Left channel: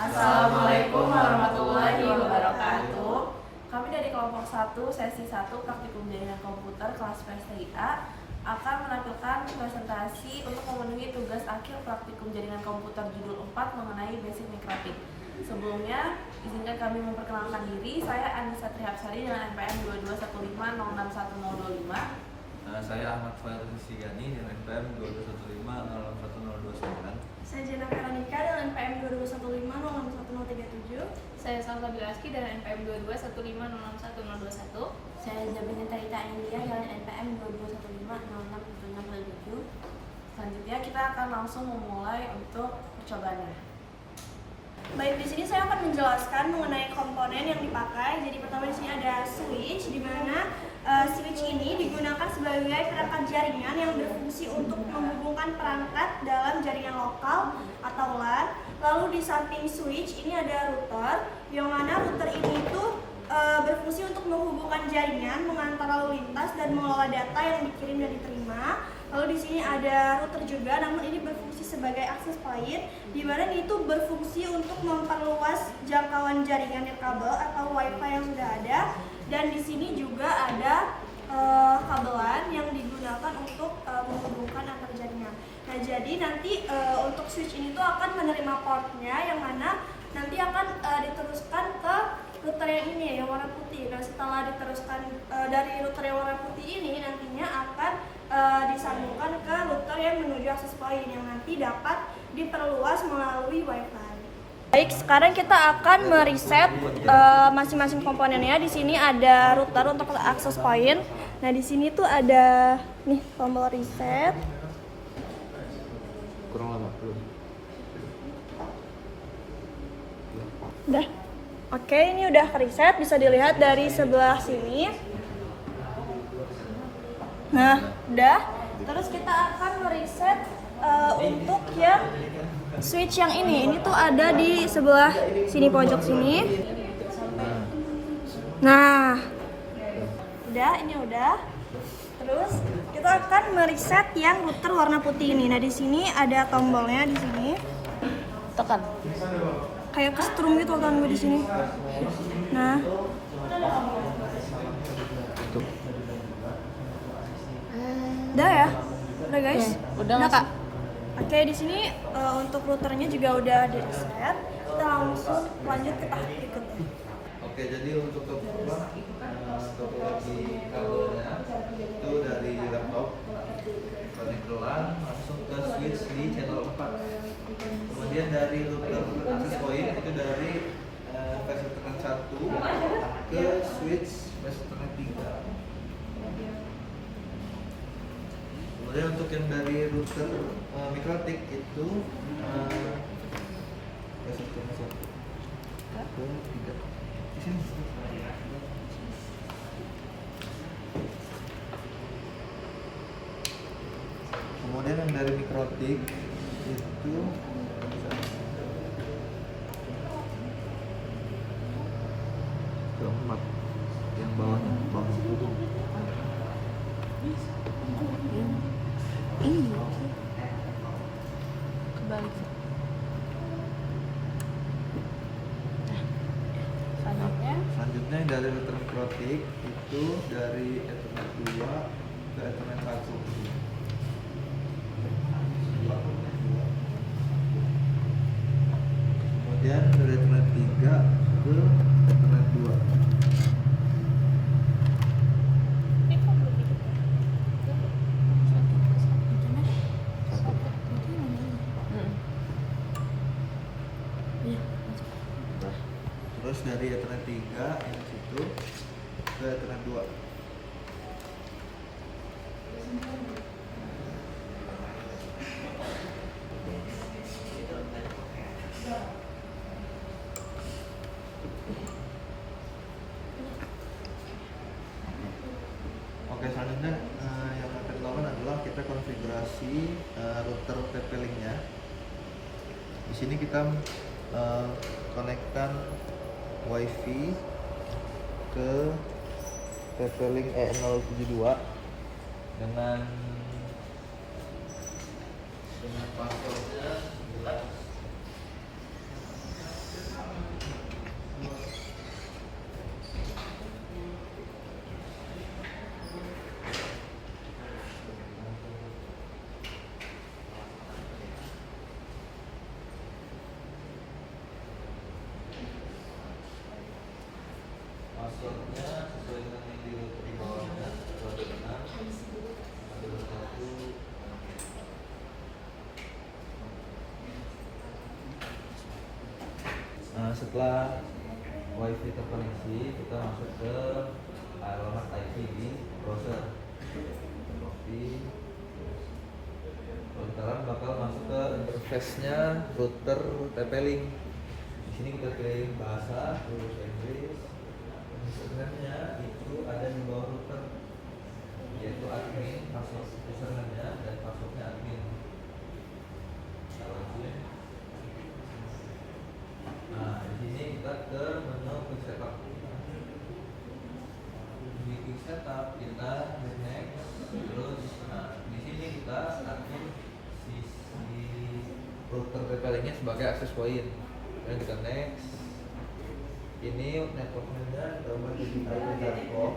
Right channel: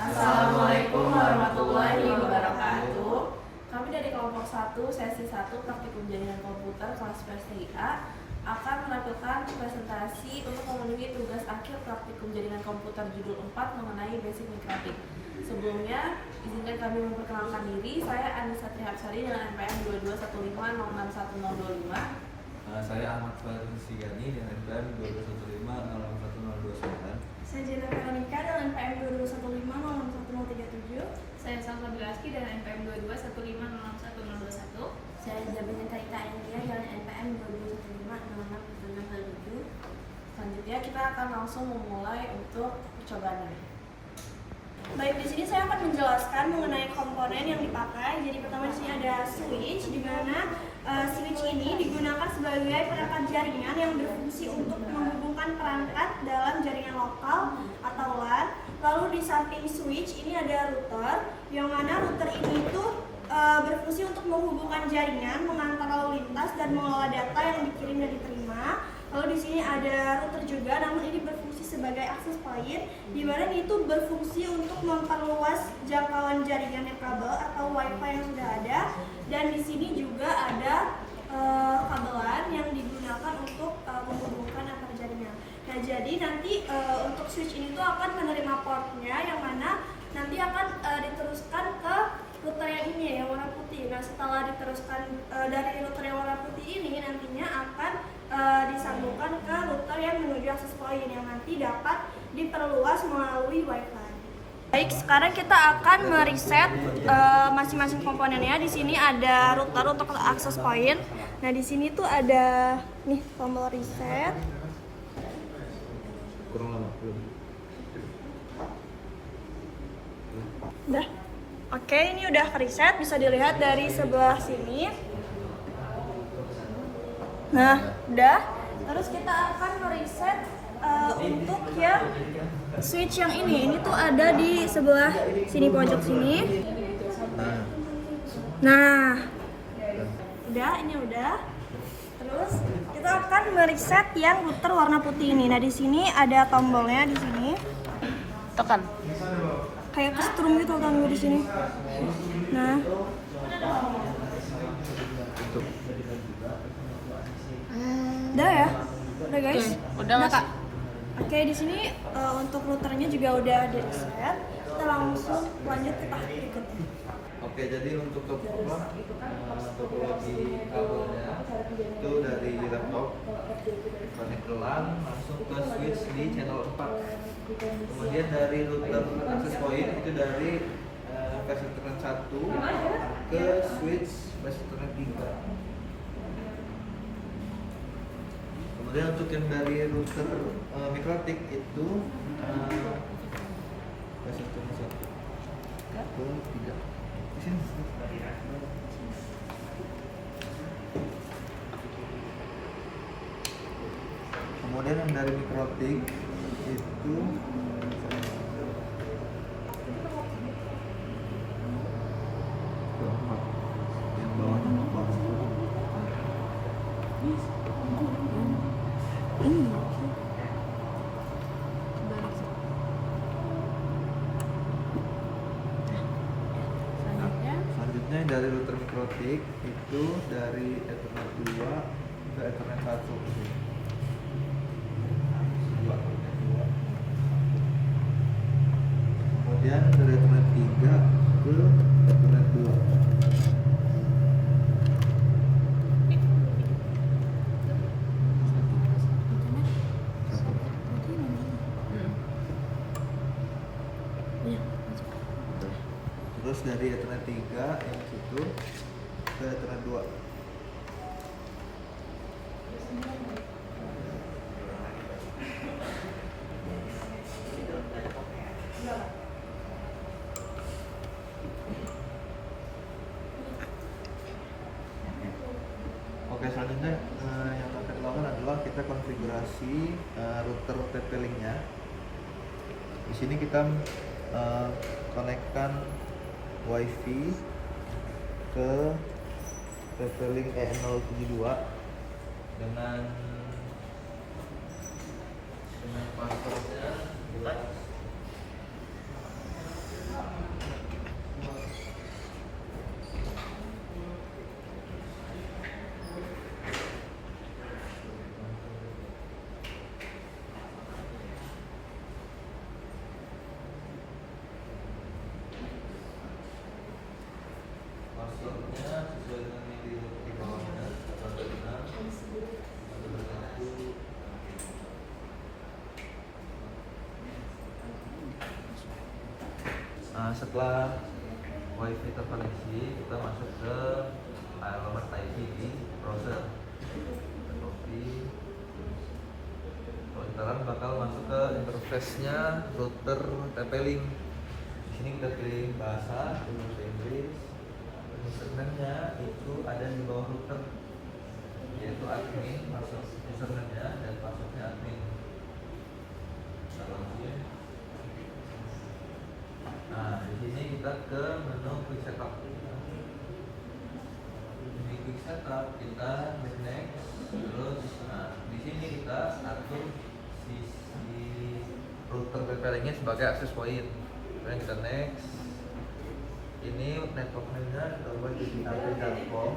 Assalamualaikum warahmatullahi wabarakatuh. Kami dari kelompok 1, sesi 1, praktikum jaringan komputer kelas PSTIA akan menampilkan presentasi untuk memenuhi tugas akhir praktikum jaringan komputer judul 4 mengenai basic mikrotik. Sebelumnya, izinkan kami memperkenalkan diri. Saya Anissa Trihapsari dengan NPM 22150611025. Saya Ahmad Fail Sigani dengan NPM 221501029. Saya Jena Karanika dengan NPM 221506137. Saya Salsa Bilaski dengan NPM 221506121. Saya Zabina Tarita India dengan NPM 2215067627. Selanjutnya kita akan langsung memulai untuk percobaannya. Baik, di sini saya akan menjelaskan mengenai komponen yang dipakai. Jadi pertama di sini ada switch, di mana switch ini digunakan sebagai perangkat jaringan yang berfungsi untuk menghubungkan perangkat dalam jaringan lokal atau LAN. Lalu di samping switch ini ada router, yang mana router ini itu berfungsi untuk menghubungkan jaringan, mengantar lalu lintas dan mengelola data yang dikirim dan diterima. Lalu di sini ada router juga, namun ini berfungsi sebagai access point, di mana itu berfungsi untuk memperluas jangkauan jaringan kabel atau WiFi yang sudah ada. Dan di sini juga ada kabelan yang digunakan untuk menghubungkan antar jaringan. Nah, jadi nanti untuk switch ini tuh akan menerima portnya, yang mana nanti akan diteruskan ke router yang ini yang warna putih. Nah, setelah diteruskan dari router yang warna putih ini, nantinya akan disambungkan ke router yang menuju access point yang nanti dapat diperluas melalui WiFi. Baik, sekarang kita akan mereset masing-masing komponennya. Di sini ada router untuk access point. Nah, di sini tuh ada nih tombol reset. Kurang lama, belum. Udah. Oke, ini udah reset, bisa dilihat dari sebelah sini. Nah, udah. Terus kita akan mereset untuk yang switch yang ini. Ini tuh ada di sebelah sini, pojok sini. Nah, udah, ini udah. Terus kita akan mereset yang router warna putih ini. Nah, di sini ada tombolnya di sini. Tekan. Kayak kestrum gitu kan gue di sini. Nah, udah ya, udah guys. Udah Kak. Oke, di sini untuk routernya juga udah di reset. Kita langsung lanjut ke tahap berikutnya. Oke, jadi untuk topologi kabelnya itu dari laptop connect ke LAN langsung ke switch di channel 4. Kemudian dari router access point itu dari versi Ethernet 1 ke switch versi Ethernet 3. Kemudian untuk yang dari router mikrotik itu versi Ethernet 1 ke 3. Di sini. Kemudian yang dari mikrotik itu keempat yang bawahnya selanjutnya yang dari router mikrotik itu dari Ethernet 2 ke Ethernet 1. Kemudian dari Ethernet 3 ke Ethernet 2. Terus dari Ethernet 3 yang situ ke Ethernet 2. Oke, selanjutnya yang akan dilakukan adalah kita konfigurasi router TP-Link-nya. Di sini kita konekkan WiFi ke TP-Link E072 dengan passwordnya setelah wifi terkoneksi, kita masuk ke alamat IP di browser. Copy. Sekarang bakal masuk ke interface-nya router TP-Link. Di sini kita pilih bahasa, tulis Inggris. Username-nya itu ada di bawah router, yaitu admin, masuk username-nya dan password-nya admin. Nah, di sini kita ke menu quick setup. Di quick setup kita next, terus di sini kita atur sisi router TP-Link-nya sebagai access point. Kemudian kita next. Ini network-nya kita ubah di Telkom.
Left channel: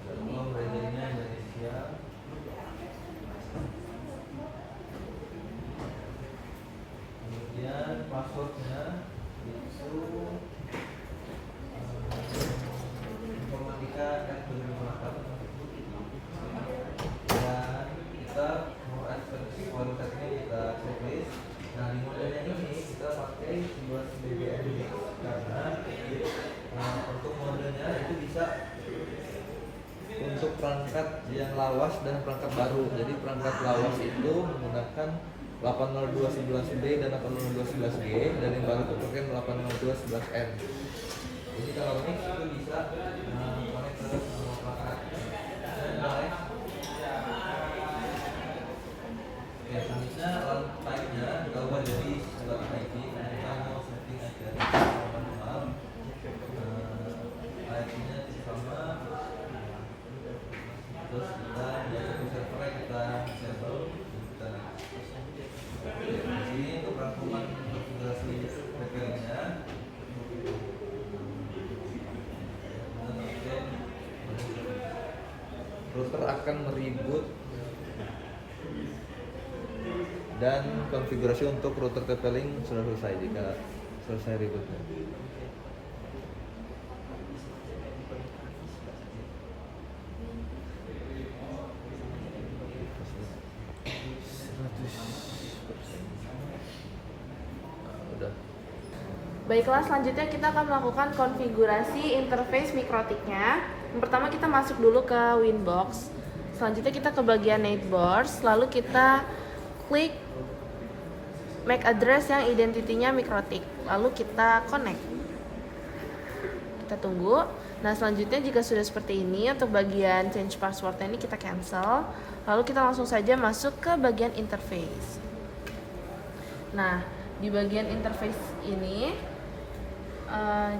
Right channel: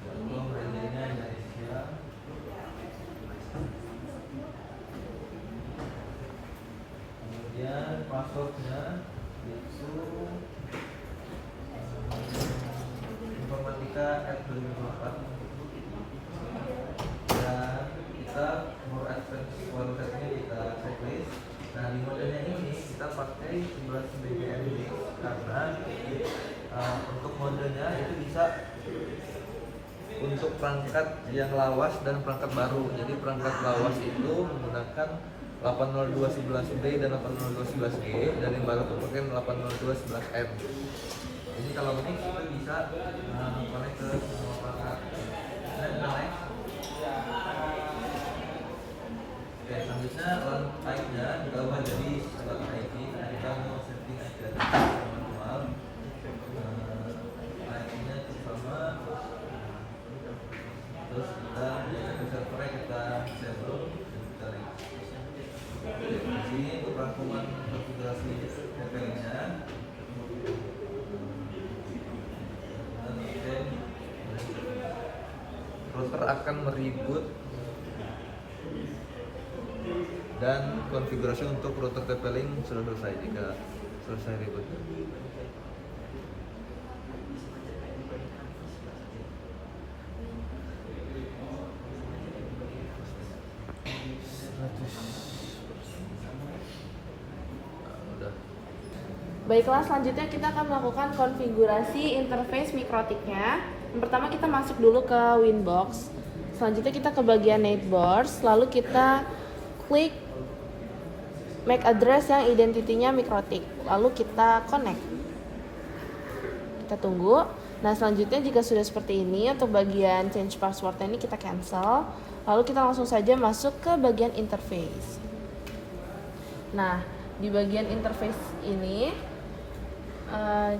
Telkom regionnya Indonesia. Kemudian passwordnya itu informatika@2008. Dan kita more advanced kualitasnya kita checklist. Nah, di modelnya ini kita pakai 11 BBM karena untuk modenya itu bisa untuk perangkat yang lawas dan perangkat baru. Jadi perangkat lawas itu menggunakan 802.11b dan 802.11g, dan yang baru itu pakai 802.11m. Jadi kalau ini itu bisa connect ke semua perangkat. Oke, selanjutnya LAN type-nya kita ubah jadi sebagai IP. Kita mau setting aja manual. IP-nya sama. Terus kita servernya kita disable dan kita di sini untuk rangkuman konfigurasi TP-nya. Router akan mereboot dan konfigurasi untuk router TP-Link sudah selesai jika selesai reboot. Baiklah, selanjutnya kita akan melakukan konfigurasi interface mikrotiknya. Yang pertama kita masuk dulu ke Winbox. Selanjutnya kita ke bagian Netboards, lalu kita klik MAC address yang identitinya mikrotik, lalu kita connect. Kita tunggu. Nah, selanjutnya jika sudah seperti ini, untuk bagian change password ini kita cancel, lalu kita langsung saja masuk ke bagian interface. Nah, di bagian interface ini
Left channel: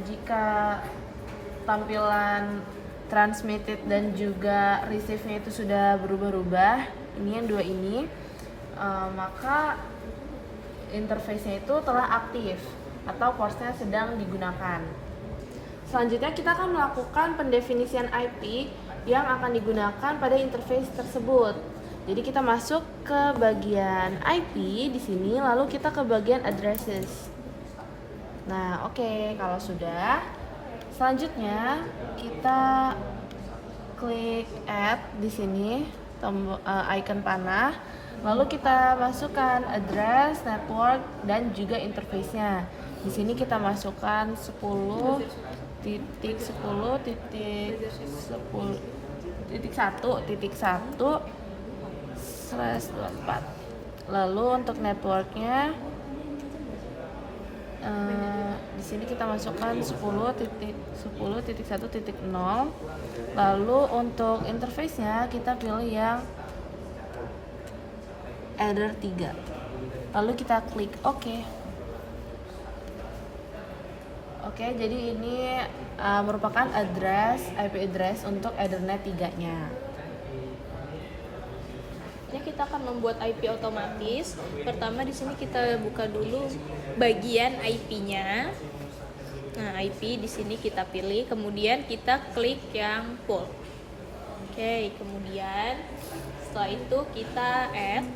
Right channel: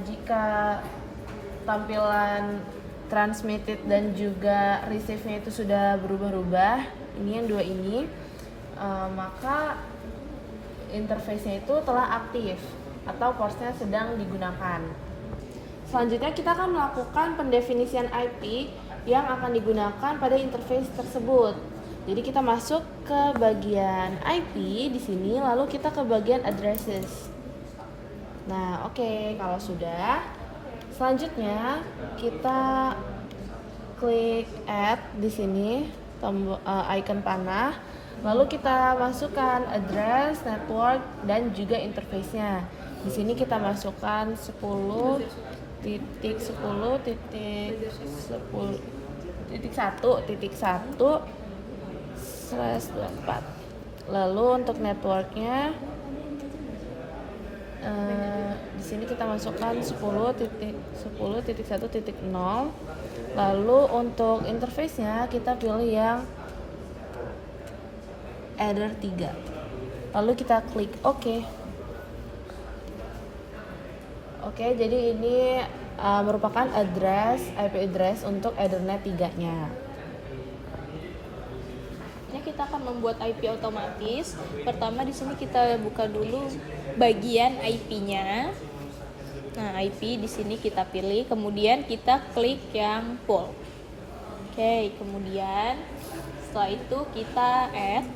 jika tampilan transmitted dan juga receive-nya itu sudah berubah-ubah, ini yang dua ini, maka interface-nya itu telah aktif atau portnya sedang digunakan. Selanjutnya kita akan melakukan pendefinisian IP yang akan digunakan pada interface tersebut. Jadi kita masuk ke bagian IP di sini, lalu kita ke bagian addresses. Nah, oke, kalau sudah, selanjutnya kita klik add di sini, tombol icon panah, lalu kita masukkan address, network, dan juga interface-nya. Di sini kita masukkan 10.10.1.1/24. Lalu untuk networknya di sini kita masukkan 10.10.1.0. Lalu untuk interface-nya kita pilih yang Adder 3. Lalu kita klik OK. Oke, jadi ini merupakan IP address untuk Ethernet 3-nya. Kita akan membuat IP otomatis. Pertama di sini kita buka dulu bagian IP-nya. Nah, IP di sini kita pilih, kemudian kita klik yang full. Oke, kemudian setelah itu kita add.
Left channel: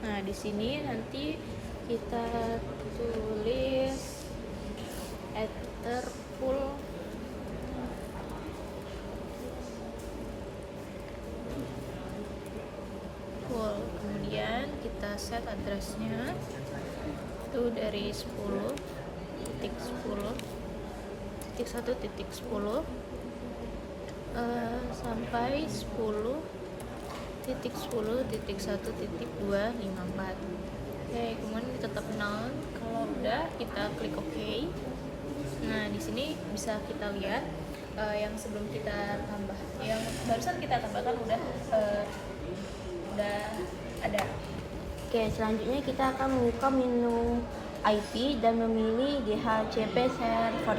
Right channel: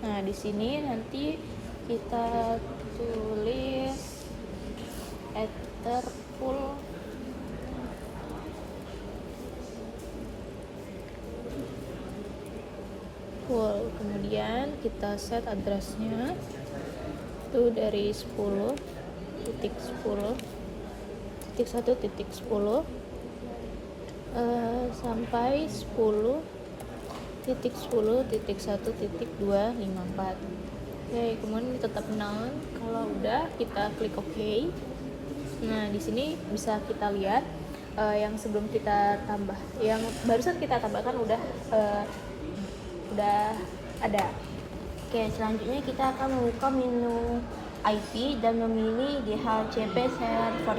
Nah, di sini nanti kita tulis ether full kemudian kita set addressnya itu dari 10.10.1.10 sampai 10.10.1.254. Oke, kemudian tetap nol. Kalau udah kita klik OK. Nah, di sini bisa kita lihat yang sebelum kita tambah, yang barusan kita tambahkan udah ada. Oke, selanjutnya kita akan membuka menu IP dan memilih DHCP server.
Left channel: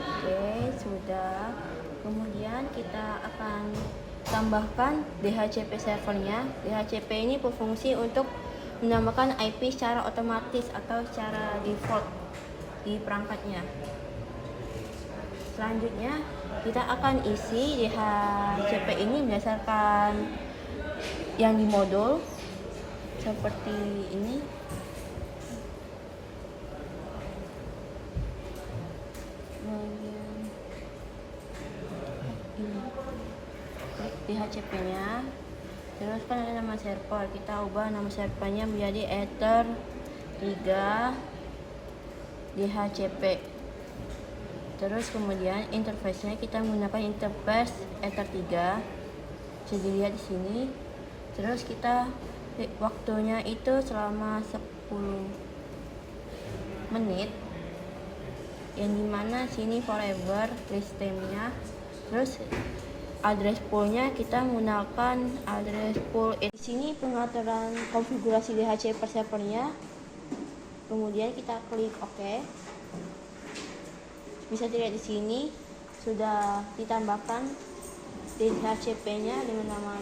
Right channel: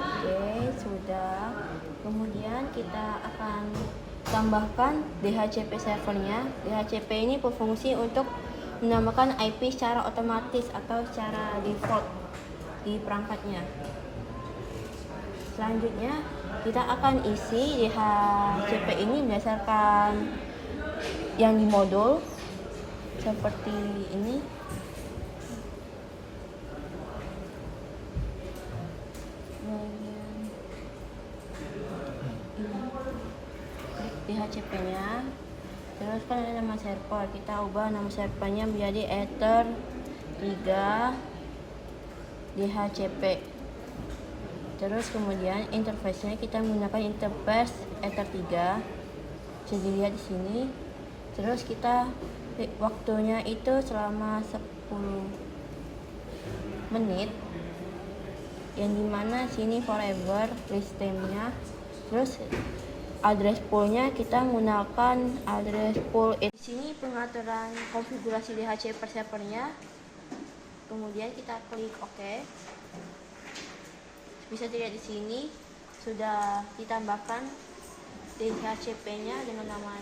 Oke, sudah. Kemudian kita akan tambahkan DHCP servernya. DHCP ini berfungsi untuk menambahkan IP secara otomatis atau secara default di perangkatnya. Selanjutnya kita akan isi DHCP ini berdasarkan yang di modul seperti ini. Kemudian ini klik DHCP-nya. Terus kan ada nama server, kita ubah nama servernya menjadi Ether 3 DHCP. Terus kemudian interface-nya kita menggunakan interface Ether 3. Bisa dilihat di sini. Terus kita waktunya itu selama 10 menit. Yang dimana sini forever list time-nya. Terus address pool-nya kita menggunakan address pool. Di sini pengaturan konfigurasi DHCP per servernya. Kemudian kita klik OK. Bisa dilihat di sini sudah ditambahkan DHCP-nya dengan nama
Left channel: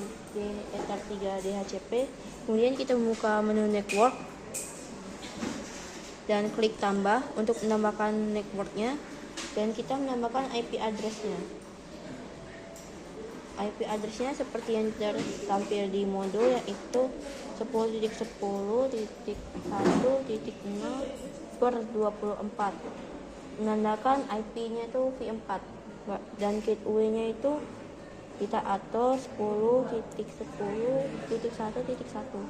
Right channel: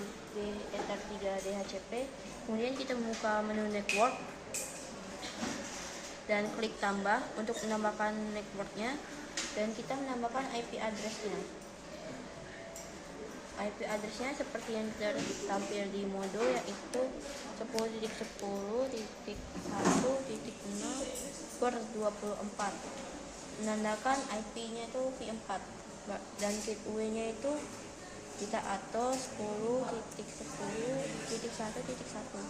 Ether 3 DHCP. Kemudian kita membuka menu network dan klik tambah untuk menambahkan networknya, dan kita menambahkan IP address-nya. IP address-nya seperti yang tertampil di modul, yaitu 10.10.1.0/24. Menandakan IP-nya itu v4 dan gateway-nya itu kita atur 10.10.1.1.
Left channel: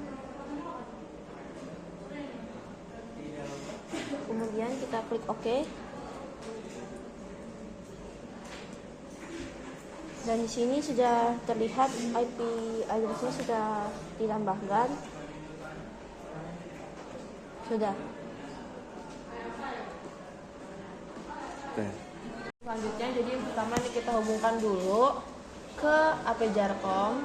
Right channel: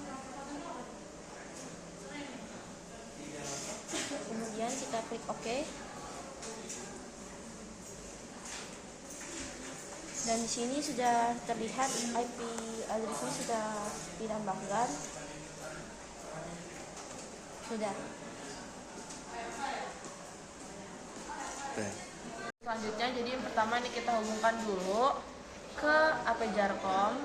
Kemudian kita klik OK. Dan di sini sudah terlihat IP address-nya sudah ditambahkan. Sudah. Selanjutnya, jadi yang pertama nih kita hubungkan dulu ke AP Jarkom.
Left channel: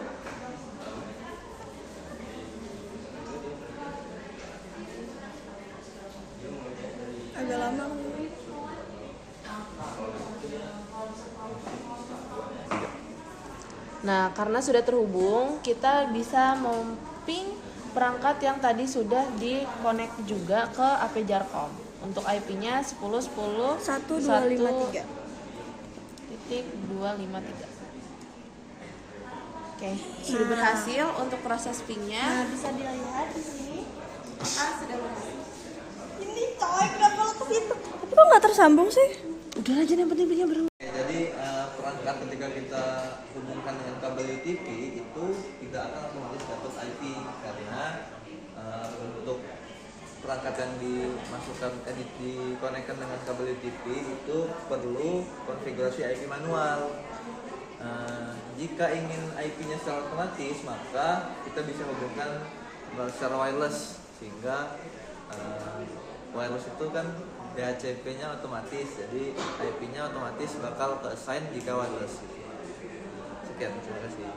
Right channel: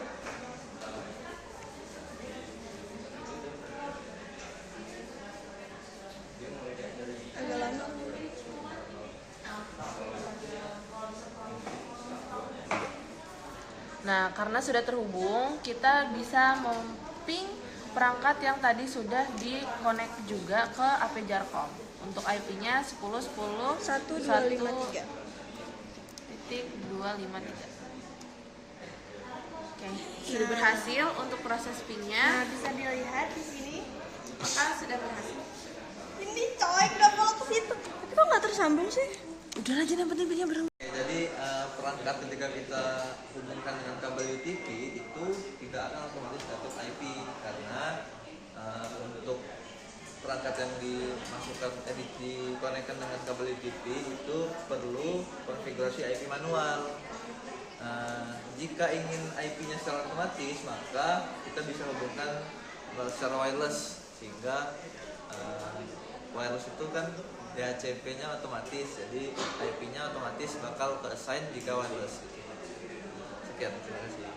Nah, karena sudah terhubung, kita bisa memping perangkat yang tadi sudah di-connect juga ke AP Jarkom. Untuk IP-nya 10.10.1.253. Oke, sudah berhasil untuk proses ping-nya. Nah, bisa dilihat di sini. Maka sudah berhasil. Ini coy, kenapa lo ke situ? Tapi kok nggak tersambung sih? Udah aja, yang penting ping-nya berhubung. Jadi perangkat ketika kita hubungkan dengan kabel UTP itu tidak akan otomatis dapat IP, karena untuk perangkat yang dimasukkan dikonekkan dengan kabel UTP itu perlu konfigurasi IP manual. Jika ingin IP-nya secara otomatis, maka kita bisa hubungkan secara wireless, sehingga wireless itu kan DHCP-nya otomatis, jadi IP-nya otomatis bakal ke-assign jika wireless. Sekian, terima kasih.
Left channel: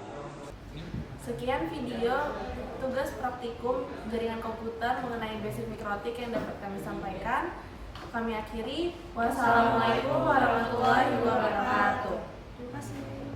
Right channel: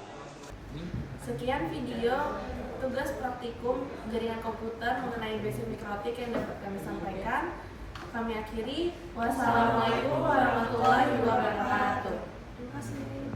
Sekian video tugas praktikum jaringan komputer mengenai basic mikrotik yang dapat kami sampaikan. Kami akhiri. Wassalamualaikum warahmatullahi wabarakatuh. Terima kasih.